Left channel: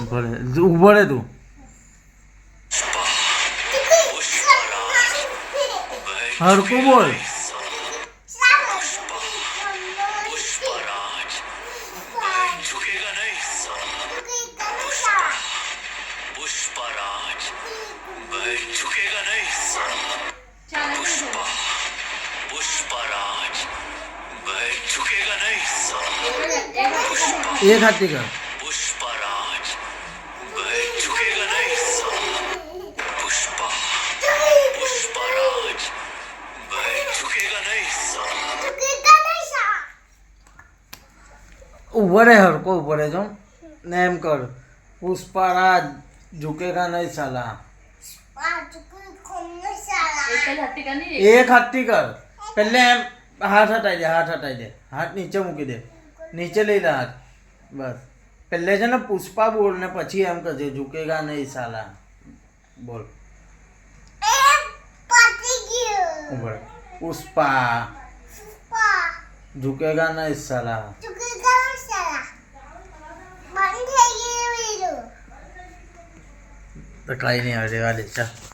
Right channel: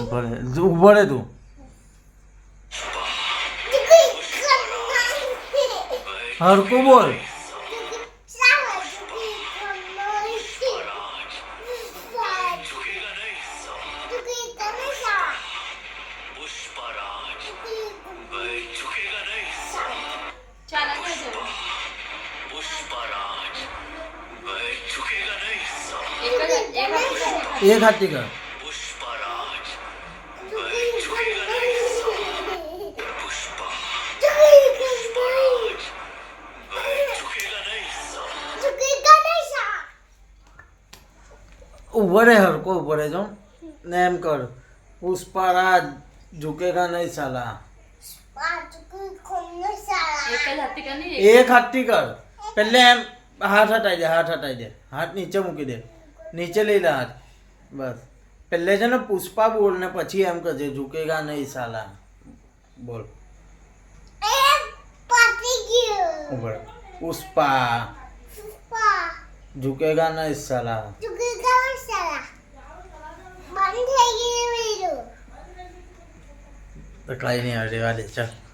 ઊભો રહે તું. હરકું બોલ. एक हाथी का ऊपर है हर को ऊपर है जो नेम कर पुष्पराज झुकेगा नहीं साला. एक हाथी कर पहले एम हाथ हटाई दे हाथ नीचे मूकी दे નીચે લઈ લે હાથ બસ પહેલે છે ને પુષ્પા બોલ ને પછી એમ કહેજે ઝુકેગા નહીં સાલા બોલ ઉપર પુષ્પા ઝુકેગા નહીં સાલા તો કઈ નહીં હવે રેવા દે ચાલ.